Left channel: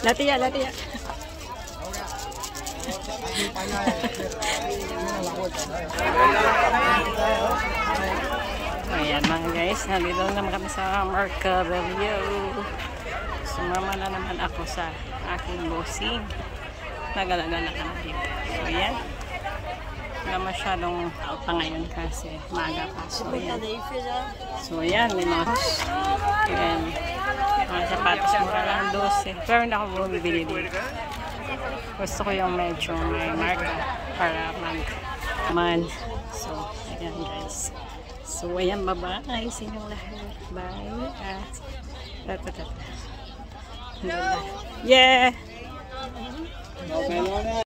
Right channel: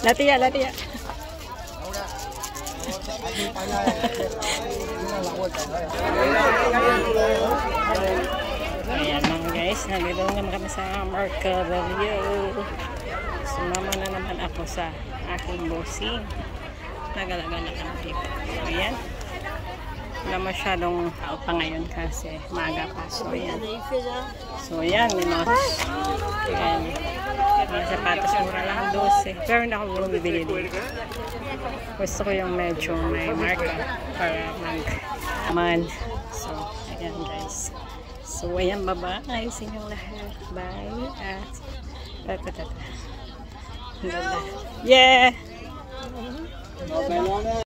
Latia, latia. Ayan mga guys, nandito naman kami sa Marca Review. Sumama na naman ako sa aking bossing. Nagalaga kami dito. Ayan. Wala masyadong tao pa ngayon kasi maaga pa. So ayan. So ayan, may mga sapatos mura lang 12. Pero hindi ako bumibili dito. Gusto ko yung medyo may marka para man. So ayan guys. So ayan, bye-bye sa inyong lahat. Bye. Yeah!